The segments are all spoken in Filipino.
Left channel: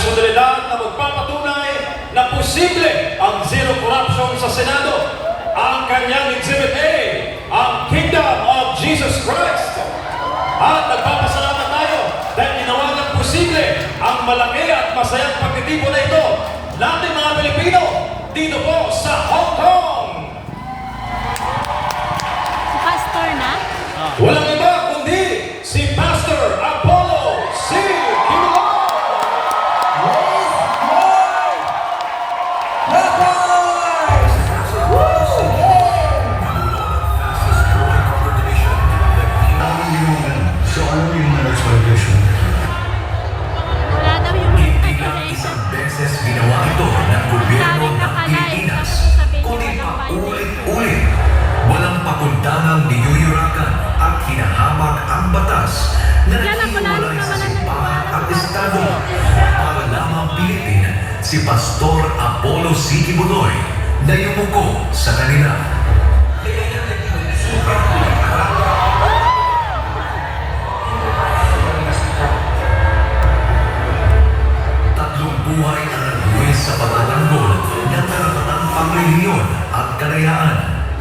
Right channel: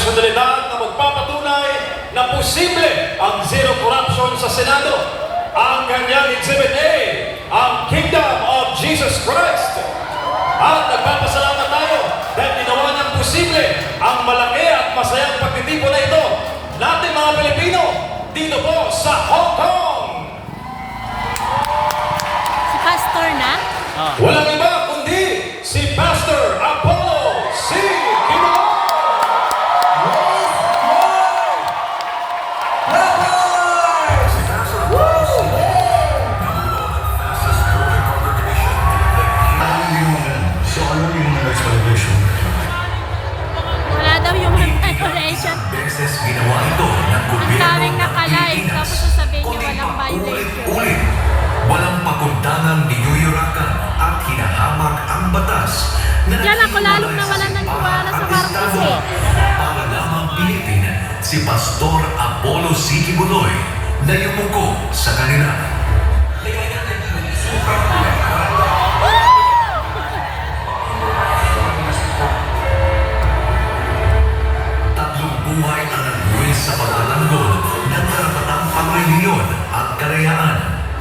personalidad na magpapatunay na posible ang zero corruption sa Senado. Ang kanyang Exhibit A, ang Kingdom of Jesus Christ. At nagpapasalamat tayo dahil ginawa niyang posible ang malaki at masayang pagtitipon na ito natin mga Pilipino dito po sa Hong Kong. Si Pastor na? Walang iba kundi si Pastor Apollo C. Kibuloy. So ano yung explanation? Wala daw yung declaration. Beses ginawa ito ng gobyerno ng Pilipinas, kundi pa ulit-ulit. Walang pakundangang niyuyurakan at hinahamak ang batas na naghiwalay sa simbahan at estado para lamang pilitin si Pastor Apollo C. Kibuloy na yumuko sa kanila. Tatlong buhay ang nagbuwis sa pagtatanggol ng karapatang pangreliyon at kalayaan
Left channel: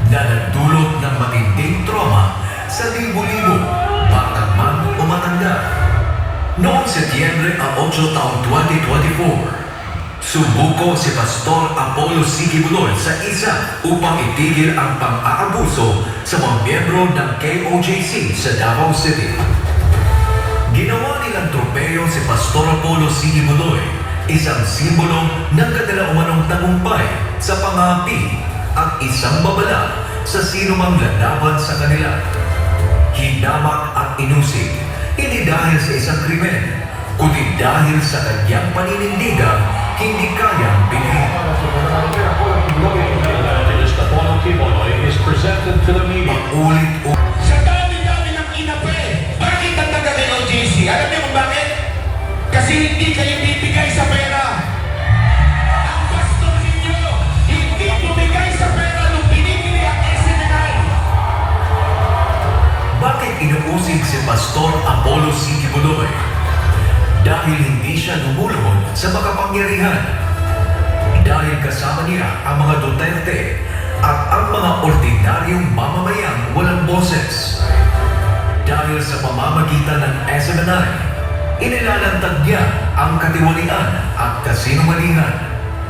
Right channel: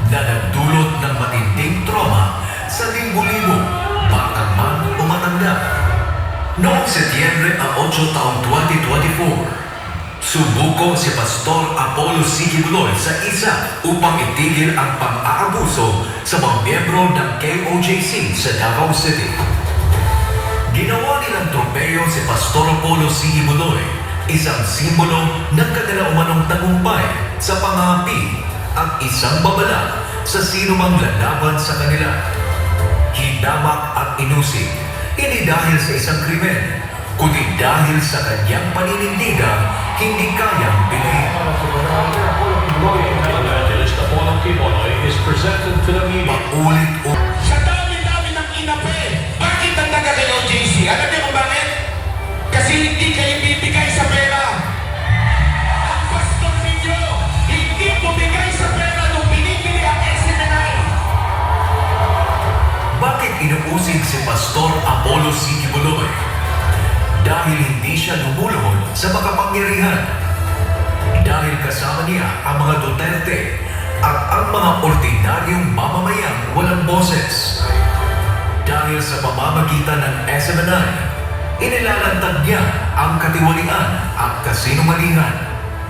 na nagdulot ng matinding trauma sa libo-libo, batang man o matanda. Noong Setyembre 8 taong 2024, subuko si Pastor Apollo C. Kibuloy sa isa upang itigil ang pang-aabuso sa mga miyembro ng KOJC sa Davao City. Ginawa nilang tropeo si Pastor Apollo C. Kibuloy, isang simbolo ng kanilang umanong tagumpay sa pangapi at isang babala sa sinumang lalaban sa kanila. Hinamak at inusig, hindi dahil sa isang krimen, kundi dahil sa kanyang paninindigang hindi kayang binahin. Evangelist Apollo Kibuloy is presented to the media. Paulit-ulit. Sa dami-dami ng inape, bakit nagtaga kay OJC? Alam niyo kung bakit? Kasi hindi kayo bibigay sa pera. Ang pastor ninyo, hindi bumigay sa pera nung binibili ang SMNI. Bakit inuusig si Pastor Apollo C. Kibuloy? Dahil hindi siya lumuluhod sa makapangyarihan. Dahil kasama niya ang mga Duterte at ang mga ordinaryong mamamayang walang boses. Dahil sa pamamagitan ng SMNI, inilalantad niya ang katiwalian at kasinungalingan.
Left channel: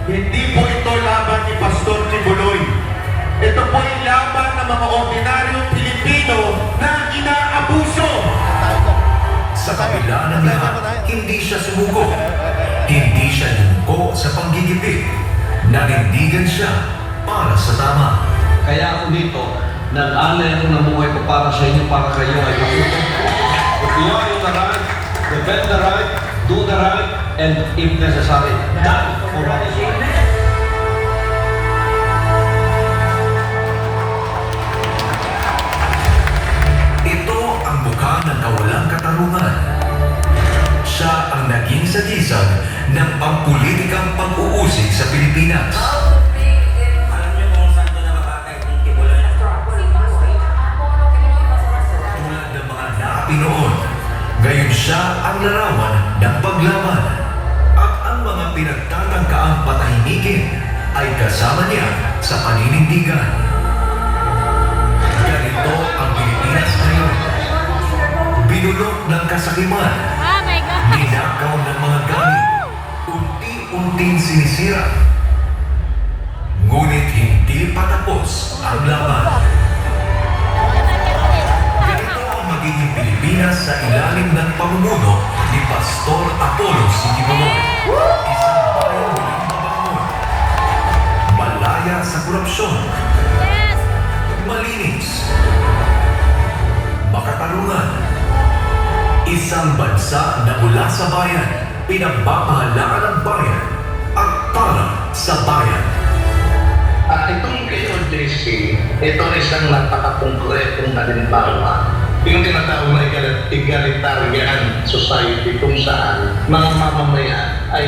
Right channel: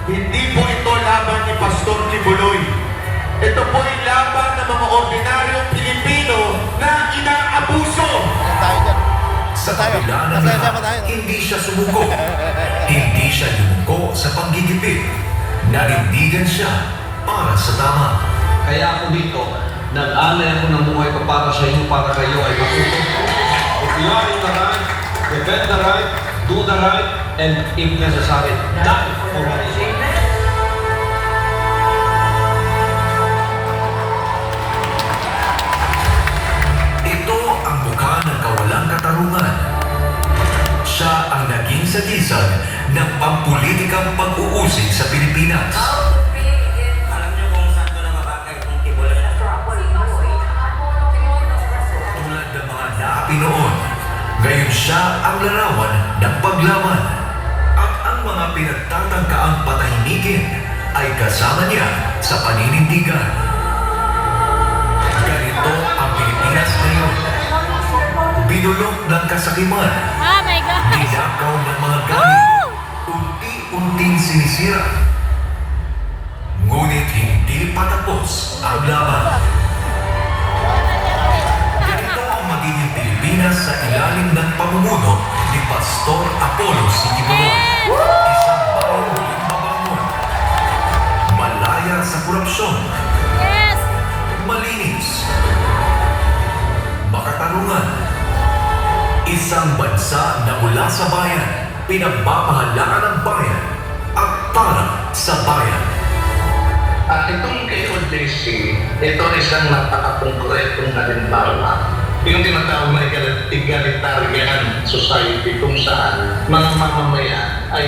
Hindi po ito laban ni Pastor Kibuloy. Ito po yung laban ng mga ordinaryong Pilipino na inaabuso. Sa kabila ng lahat, hindi siya sumuko. Hindi siya yumuko sa panggigipit. Nanindigan siya para sa tama. Kaya ako dito, nag-alay ako ng buhay ko para sa inyo, para kayo ay matuto. If you are in the right, defend the right, do the right, and if necessary, die for right. Ito ang mukha ng kawalang katarungan. Siya ang naging sagisag ng pampulitikang pag-uusig sa Pilipinas. Alam niyo kung saan ko nakakakay kung Kibuloy na Tulad ng mga naapi noon, gayon siya ang larawan ng paglaban. At ang mga pinagtatangkaang patahimikin ay kasama niya sa paninindigan. Ganito ang Pilipinas ngayon. Binulok ng kasakiman, Oh my God! ninakaw ng mga gamit, unti-unting sinisira. Ngunit hindi pa tapos ang laban. Ganito ang magiging Pilipinas sa ilalim ng pamumuno ni Pastor Apollo C. Kibuloy. Isang bayang muling mabangon. Malaya sa korupsyon. Yes! Malinis. Makatarungan. Isang bansa na mula sa bayan, pinagbabahalaan ng bayan at para sa bayan. At itong KOJC, ito isang napakakongkretong halimbawa. Yung tinatawag na egalitarian society kung saan mga mamamayan ay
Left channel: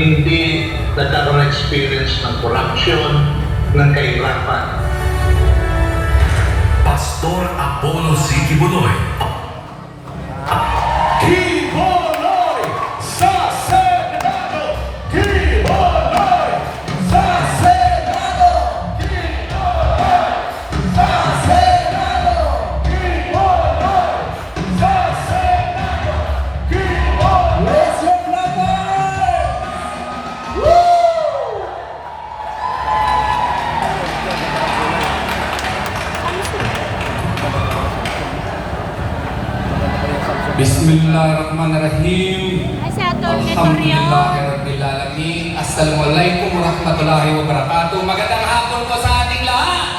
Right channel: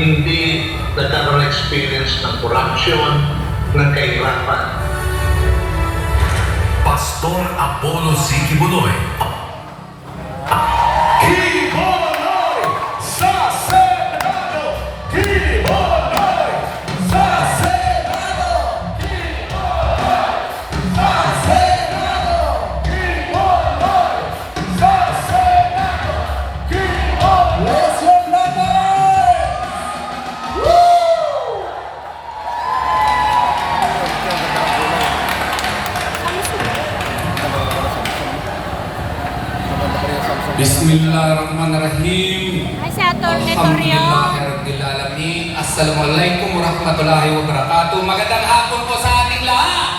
hindi nagkaroon experience ng corruption, ng kahirapan. Pastor Apollo C. Kibuloy. Kibuloy sa Senado! Torreon. Assalamualaikum warahmatullahi wabarakatuh. Magandang hapon po sa ating lahat.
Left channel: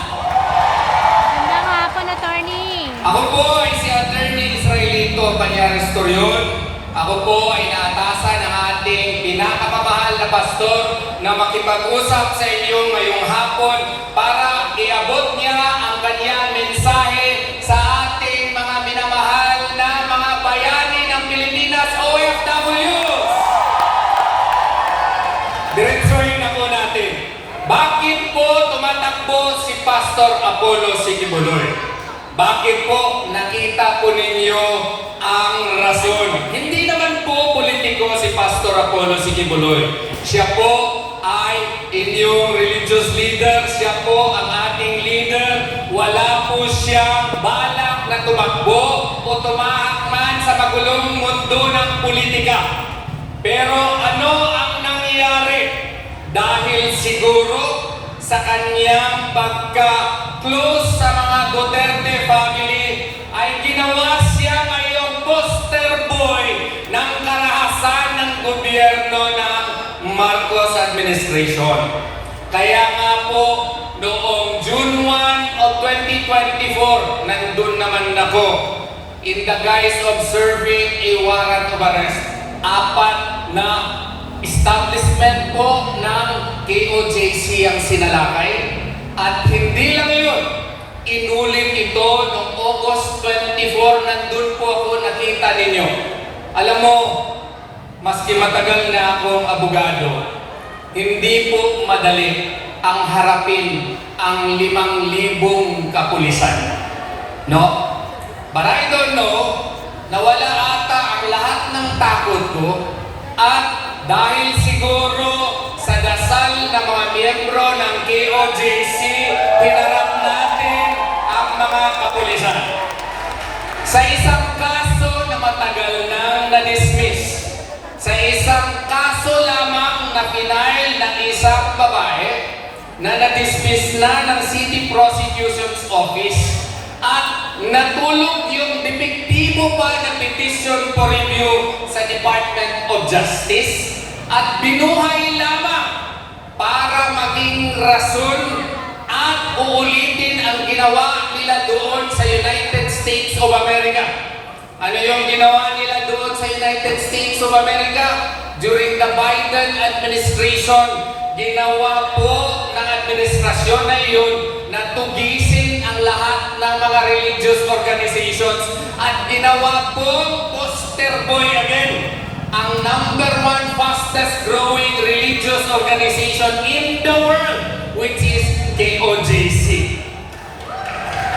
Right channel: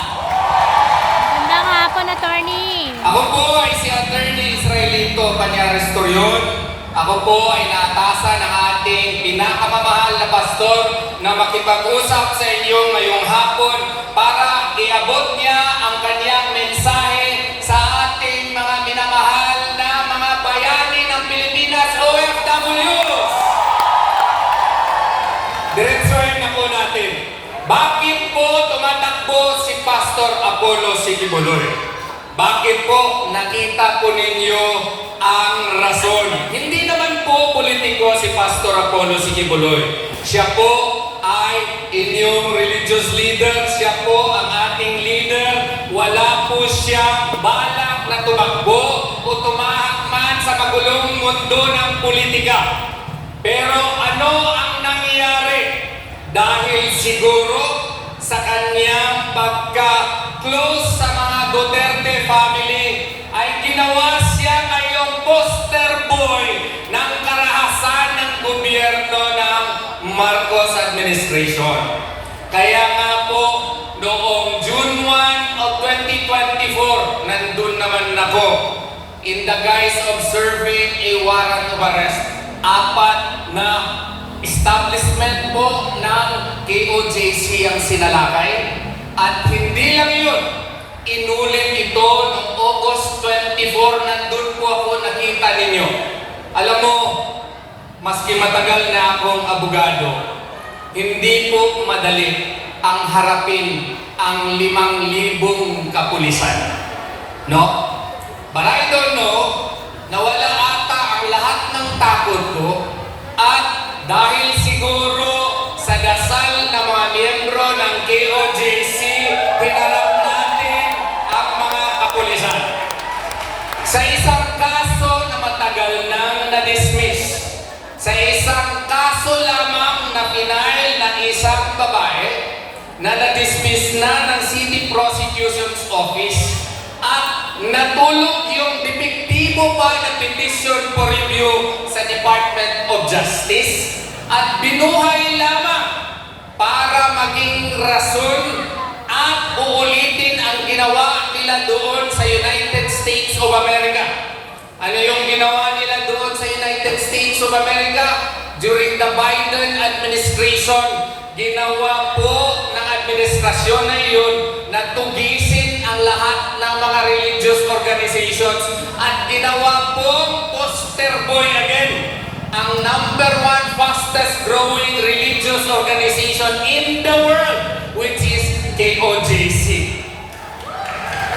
Magandang hapon, attorney. Ako po ay si Attorney Israelito Banyares Torreon. Ako po ay naatasan ng ating pinakamamahal na pastor na makipag-usap sa inyo ngayong hapon para iabot niya ang kanyang mensahe sa ating mga minamahal na mga bayani ng Pilipinas, OFWs. Diretsuhin na po natin. Bakit po tumatakbo si Pastor Apollo Sikibuloy? Bakit po nakita po ninyo ang rason? Hindi naman po politiko si Pastor Apollo Sikibuloy. Siya po ay inyong religious leader. Siya po ang ating leader. Wala po siyang balak na tumakbo o tumahak man sa magulong mundo ng politika. Pero ano ang nangyari? Dahil siguro sa kanyang pagka-close sa mga Duterte family, ay ginawa siya ngayong poster boy ng karahasan ng gobyerno ng Marcos administration. Kaya nga po, noong June 1 of 2024, nandun naman ako in the guise of serving a warrant of arrest. 4 na establishment po ng KOJC ang sinalakay. At hindi lang yun, inulit ito noong August 24, nandun po ako nakita ninyo. Alam mo, maski matagal na akong abogado, hindi po madali ang harapin ang 5,000 kapulisan. No? But I don't know, nawala ata ang lahat ng takot ko at dahil siguro sa dasal ng mga miyembro ng KOJC, hinarap natin ang mga kapulisan. Sa isang kaso na matagal nang na-dismiss, sa isang kaso lamang na pinail ng isang babae na na-dismiss na ng City Prosecution's Office at natulog yung depektibo pa ng petition for review sa Department of Justice at binuhay lamang para maging rason at uulitin ang ginawa nila doon sa United States of America. Ano yung ginawa nila doon sa United States of America? During the Biden administration, ginawa po ng administrasyon na yun na tugisin ang lahat ng mga religious organizations at ginawa pong poster boy again ang #1 fastest growing religious organization in the world, which is KOJC.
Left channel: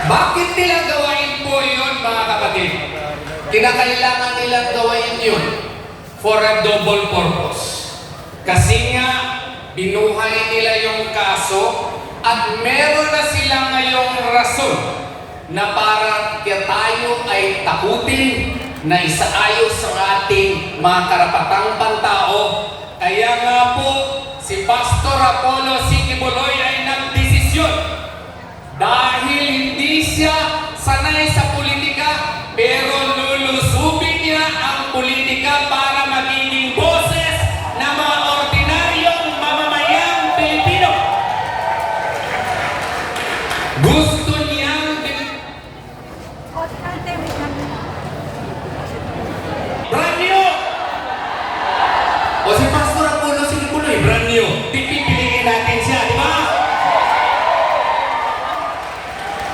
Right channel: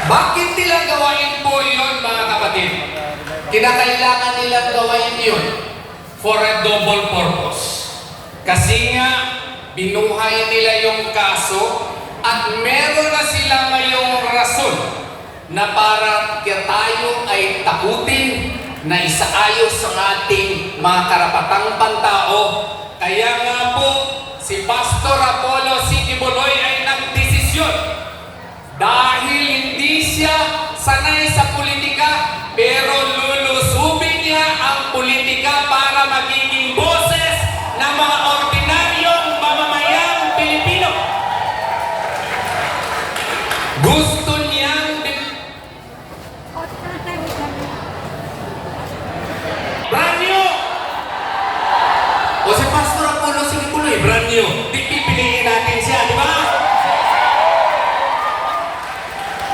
Bakit nila gawain po yun, mga kapatid? Kinakailangan nilang gawain yun for a double purpose. Kasi nga, binuhay nila yung kaso at meron na sila ngayong rason na para tayo ay takutin na isaayos ang ating mga karapatang pantao. Kaya nga po, si Pastor Apollo Sikibuloy ay nagdesisyon dahil hindi siya sanay sa politika, pero lulusubin niya ang politika para magiging boses ng mga ordinaryong mamamayang Pilipino. Gusto niyang brand new! O si Pastor Apollo Sikibuloy, brand new. Pipiliin natin siya, di ba?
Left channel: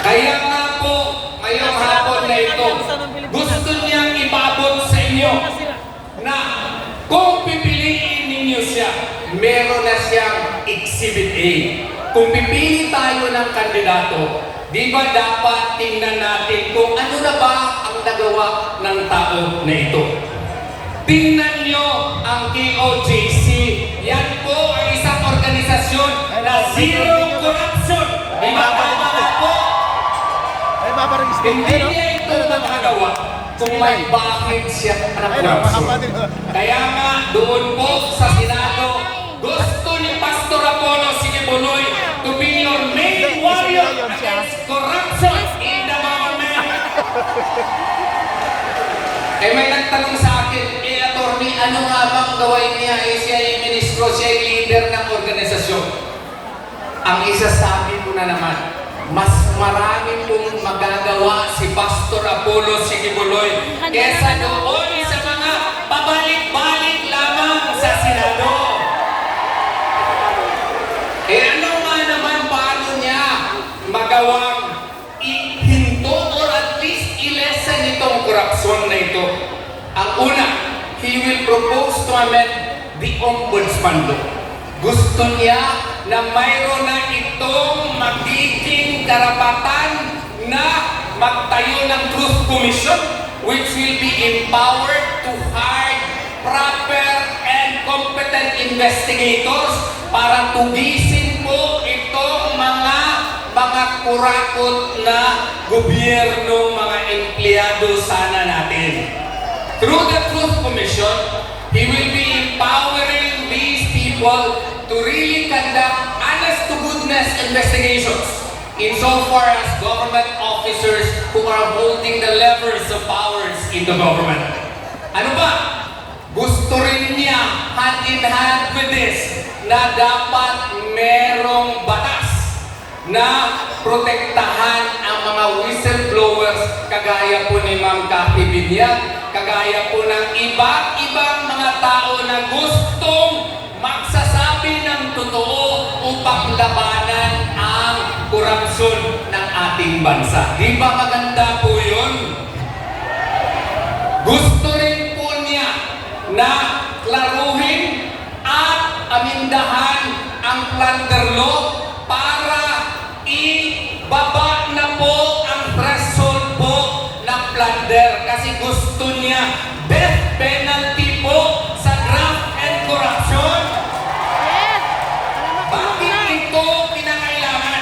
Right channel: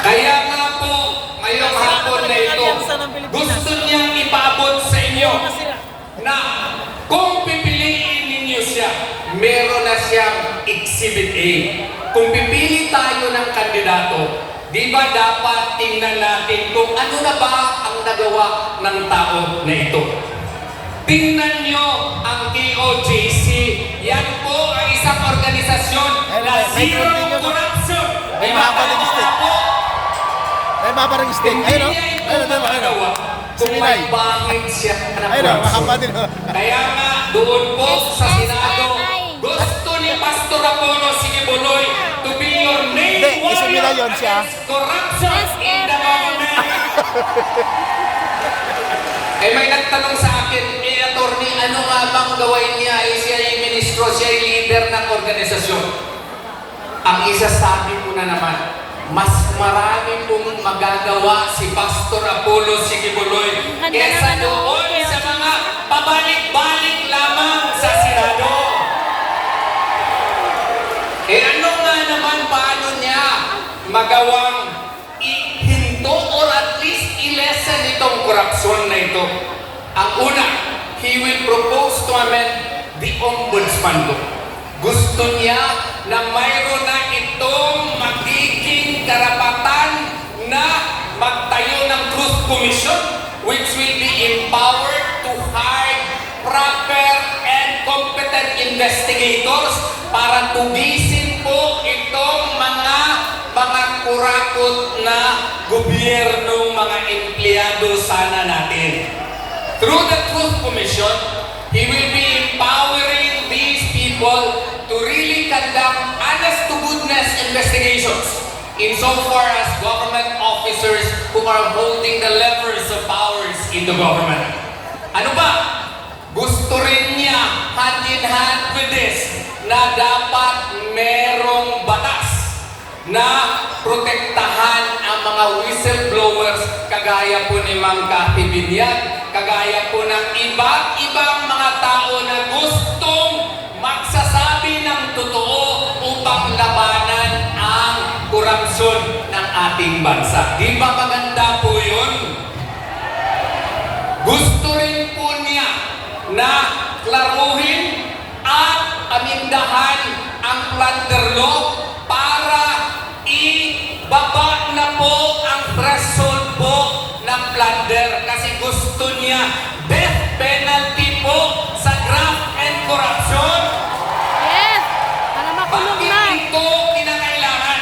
Kaya nga po, ngayong hapon na ito, gusto niyang ipaabot sa inyo na kung pipiliin ninyo siya, meron na siyang Exhibit A. Kung pipili tayo ng kandidato, di ba dapat tingnan natin kung ano na ba ang nagawa ng tao na ito? Tingnan nyo ang KOJC. Yan po ang isang organisasyon na zero corruption. Di ba tama po? Hindi niya ito magagawa kung may bakit siya ng corruption. Kaya nga, doon po sa Senado, gusto ni Pastor Apollo Sikibuloy to be your main warrior against corruption in the government. Ay may nagtanong sa akin, attorney, ano nga bang gawain niya? Siya ay ministro, siya ay leader ng organisasyon. Ang isasabi ko na naman, mas marami pong magagawa si Pastor Apollo Sikibuloy kesa doon sa mga pabalik-balik lamang sa Senado. Ano nga naman paano niya magawang ihinto or at least i-lessen itong korupsyon na ito? Ang una, he will propose to amend the Ombudsman Law. Gusto niya na mayroon na itong magiging karapatan na magtayo ng Truth Commission which will be empowered to hire proper and competent investigators para tugisin po itong mga kurakot na gobyernong mga empleyado sana natin. Through the Truth Commission, he will be empowering these people to really conduct honest-to-goodness investigations insofar as government officers who are holding the levers of powers in the government. Ano ba? Gusto rin niya hand-in-hand with this na dapat merong batas na protektahan ang mga whistleblowers kagaya po ni Ma'am Cathy Binyag, kagaya po ng iba-ibang mga tao na gustong magsasabi ng totoo upang labanan ang korupsyon ng ating bansa. Di ba maganda po yun? Gusto rin po niya na klaruhin at amindahan ang plunder law para ibaba na po ang threshold po ng plunder kasi gusto niya death penalty po sa graft and corruption. Yes! Para makulong Bakit na. ito kinakailangan?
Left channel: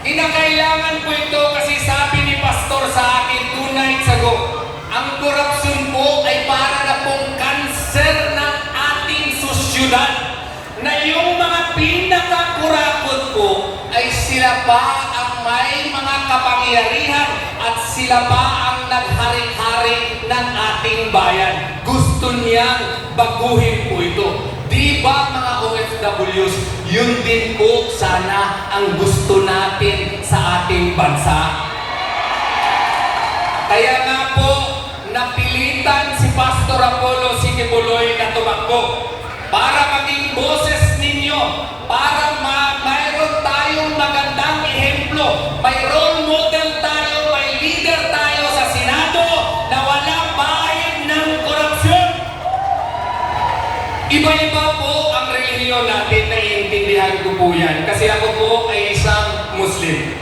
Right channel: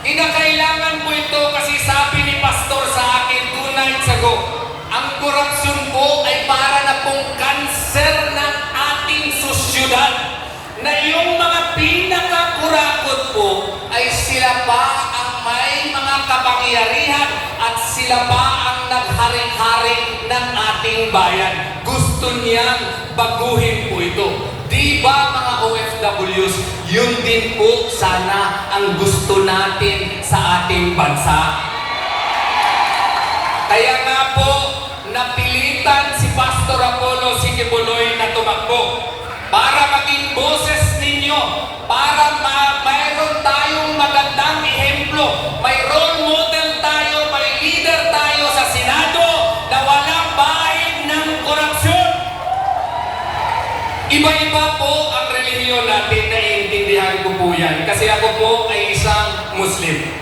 Kinakailangan po ito kasi sabi ni Pastor sa akin 2 nights ago, ang korupsyon po ay para na pong kanser ng ating sosyudad na yung mga pinakakurakot po ay sila pa ang may mga kapangyarihan at sila pa ang nagharing-haring ng ating bayan. Gusto niyang baguhin po ito. Di ba mga OFWs, yun din po sana ang gusto natin sa ating bansa. Kaya nga po, napilitan si Pastor Apollo Sikibuloy na tumakbo para maging boses ninyo, para mayroon tayong magandang ehemplo, may role model tayo, may leader tayo sa Senado na walang bahid ng korupsyon. Iba-iba po ang relihiyon natin, naiintindihan ko po yan, kasi ako po ay isang Muslim.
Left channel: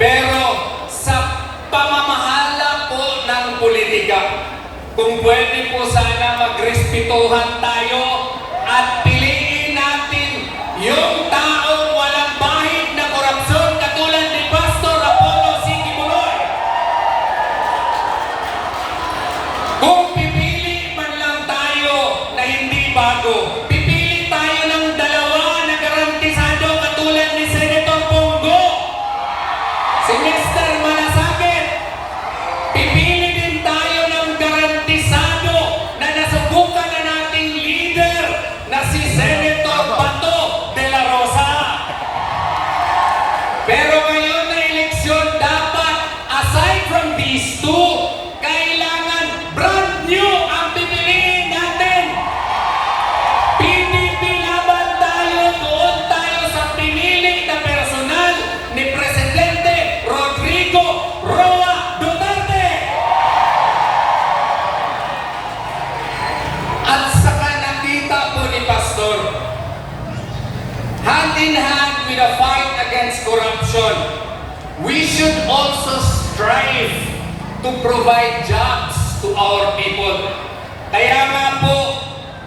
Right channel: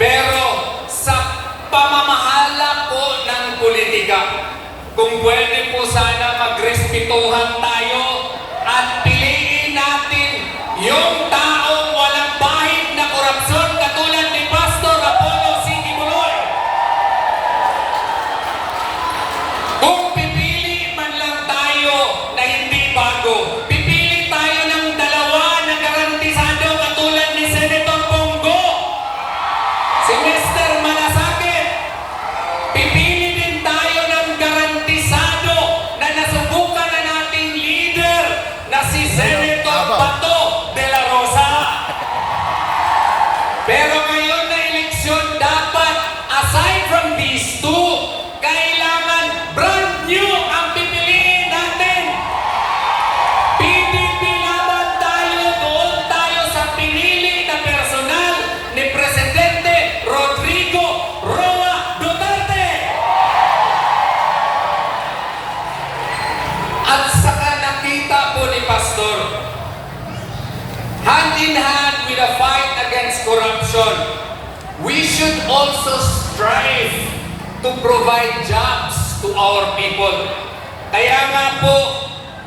Pero sa pamamahala po ng politika, kung pwede po sana magrespetuhan tayo at piliin natin yung taong walang bahid na korupsyon katulad ni Pastor Apollo Sikibuloy. Kung pipili man lang tayo na hindi bago, pipili tayo ng dalawa na garantisado katulad ni Senator Bongo, si Mr. Malasakit. Pipili din tayo ng garantisado na nasubukan na nating leader na si Senator Bato de la Rosa. Pero ngayon na eleksyon, dapat aside from these two, kailangan brand new ang pipiliin natin. PDP laban tayo, doon tayo sa pinili na personal ni Presidente Rodrigo Roa Duterte. At saka nakita po ni Pastor, hand in hand with the fight against corruption, we should also strive to provide jobs to our people. Kaya nga po,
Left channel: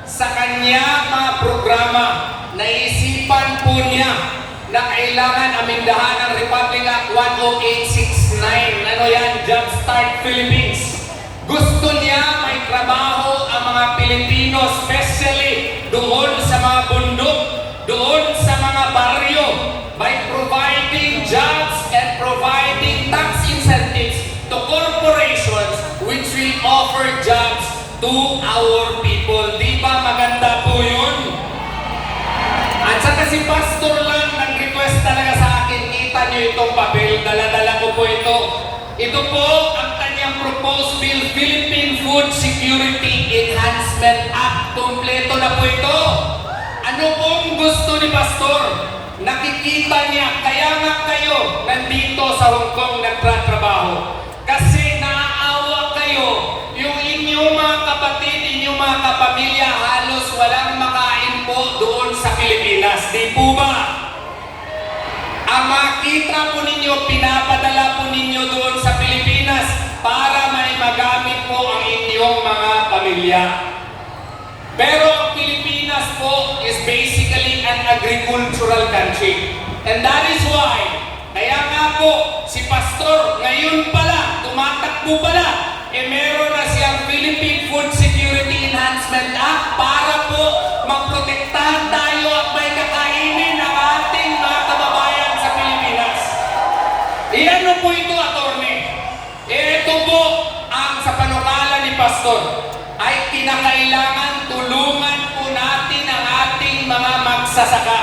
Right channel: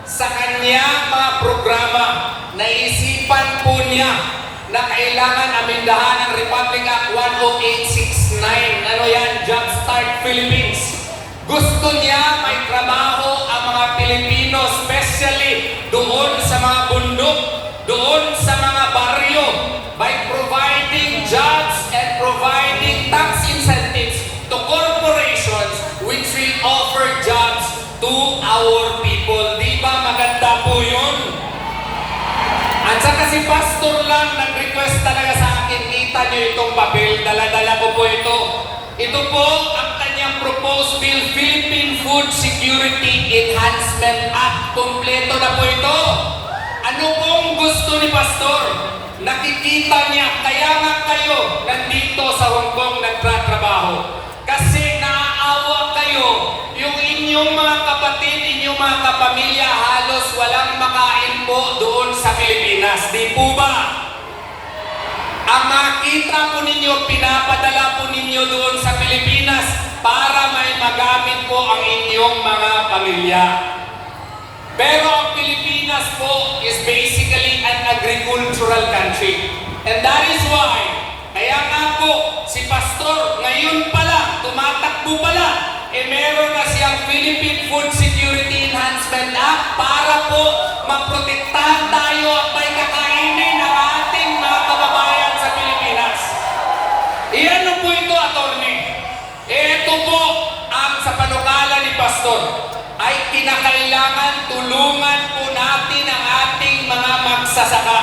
sa kanya mga programa, naisipan po niya na kailangan amindahan ang Republic Act 10869. Ano yan? Jumpstart Philippines. Gusto niya may trabaho ang mga Pilipino, especially doon sa mga bundok, doon sa mga baryo, by providing jobs and providing tax incentives to corporations which will offer jobs Pastor lang nag-request talaga sa akin, kita niyo itong papel, dala-dala ko po ito. Ito po ang kanyang proposed bill, Philippine Food Security Enhancement Act. Kompleto na po ito. Ano pong gusto ni Pastor? Nakikita niya, kaya nga kayo nandito sa Hong Kong nagtatrabaho. Kasi naaawa kayo, yung inyong mga kapatid, inyong mga kapamilya, halos walang makain po doon sa Pilipinas. Di po ba? Ang makita po ninyo, pinapadala po ninyo doon sa Pilipinas para may magamit po ang inyong mga pamilya. Pero ang Pilipinas po is basically an agricultural country. And that is why, kaya nga po, si Pastor ngayon pa lang, tumatakbo pa lang, meron na siyang Philippine Food Security Enhancement Act para po maprotektahan tayo at may kakainin ng ating mga kababayan sa Pilipinas. Iyan po ito, attorney. Ito po ang sa panukala ni Pastor ay kinakailangan tulungan po natin ang ating mga magsasaka.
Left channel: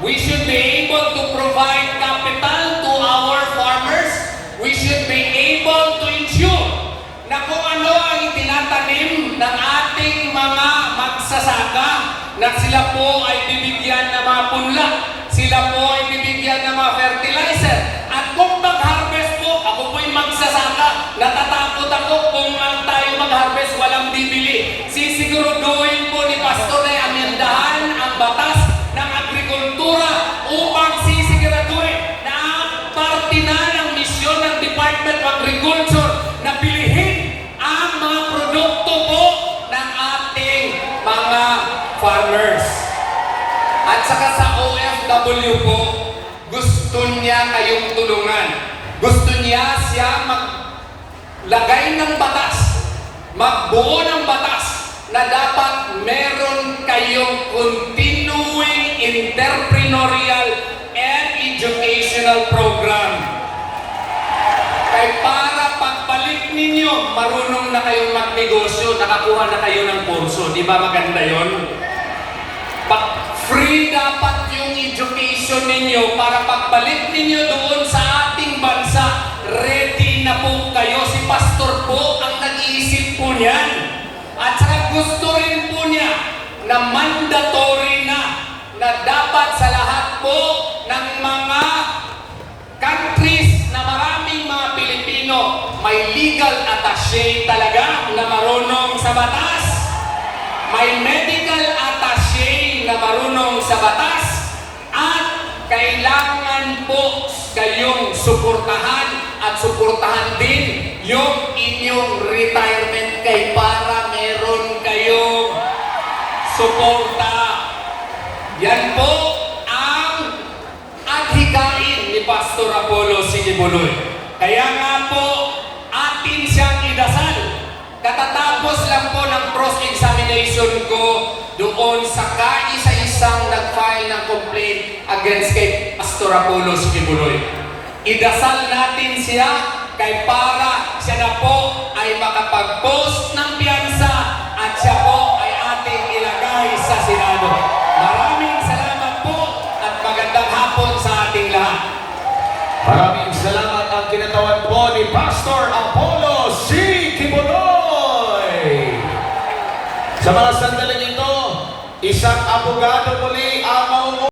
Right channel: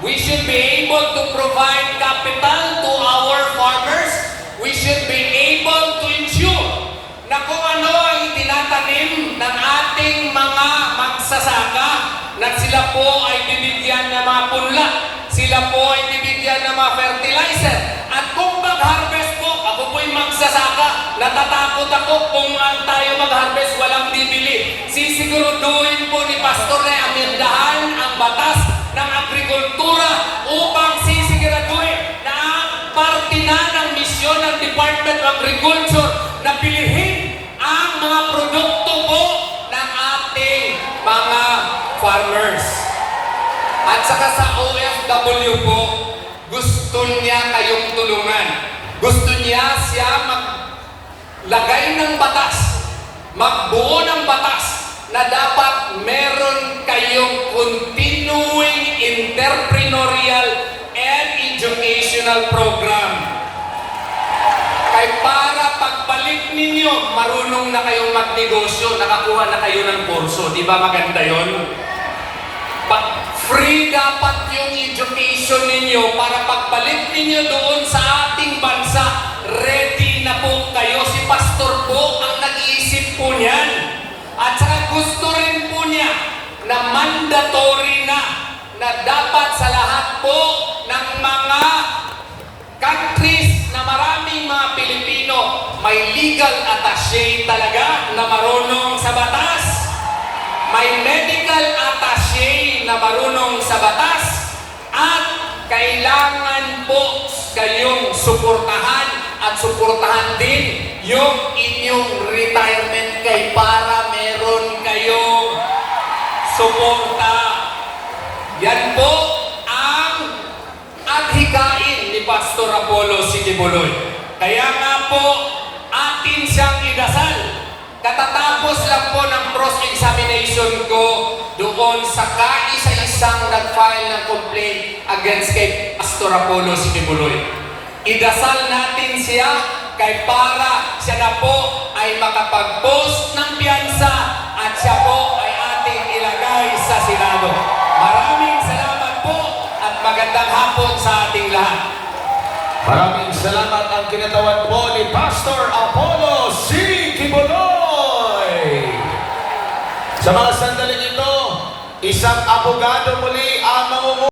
We should be able to provide capital to our farmers. We should be able to ensure na kung ano ang itinatanim ng ating mga magsasaka, na sila po ay bibigyan ng mga punla, sila po ay bibigyan ng mga fertilizer. At kung mag-harvest po, ako po'y magsasaka, natatakot ako kung tayo mag-harvest, walang bibili. Sisiguraduhin po ni Pastor na amendahan ang batas ng agrikultura upang sisiguraduhin na ang parte na ng misyon ng Department of Agriculture na bilihin ang mga produkto po ng ating mga farmers. At saka sa OFW po, gusto niya kayong tulungan. Gusto niya siya maglagay ng batas, magbuo ng batas na dapat meron kayong continuing entrepreneurial and educational program. Kaya para pagbalik ninyo, marunong na kayong magnegosyo, nakakuha na kayo ng kurso. Di ba maganda yun? Free dapat yung education ninyo para pagbalik ninyo doon sa ating bansa, ready na po kayo. Si Pastor po ang nag-iisip po niyan. At saka gusto rin po niya na mandatory na dapat sa lahat po ng mga countries na maraming mga Pilipino may legal attaché talaga na marunong sa batas. May medical attaché na marunong sa batas at kailangan po kayong suportahan at suportahan din yung inyong retirement kay para meron kayong suporta. Yan po ang adhikain ni Pastor Apollo Sigibuloy. Kaya nga po atin siyang idasal. Katatapos lang po ng cross-examination ko doon sa kaisa-isang nag-file ng complaint against kay Pastor Apollo Sigibuloy. Idasal natin siya kay para siya na po ay makapag-post ng piyansa at siya po ay ating ilagay sa Senado. Maraming salamat po at magandang hapon sa ating lahat. Maraming salamat ang kinatawan po ni Pastor Apollo C. Kibuloy. Sa mga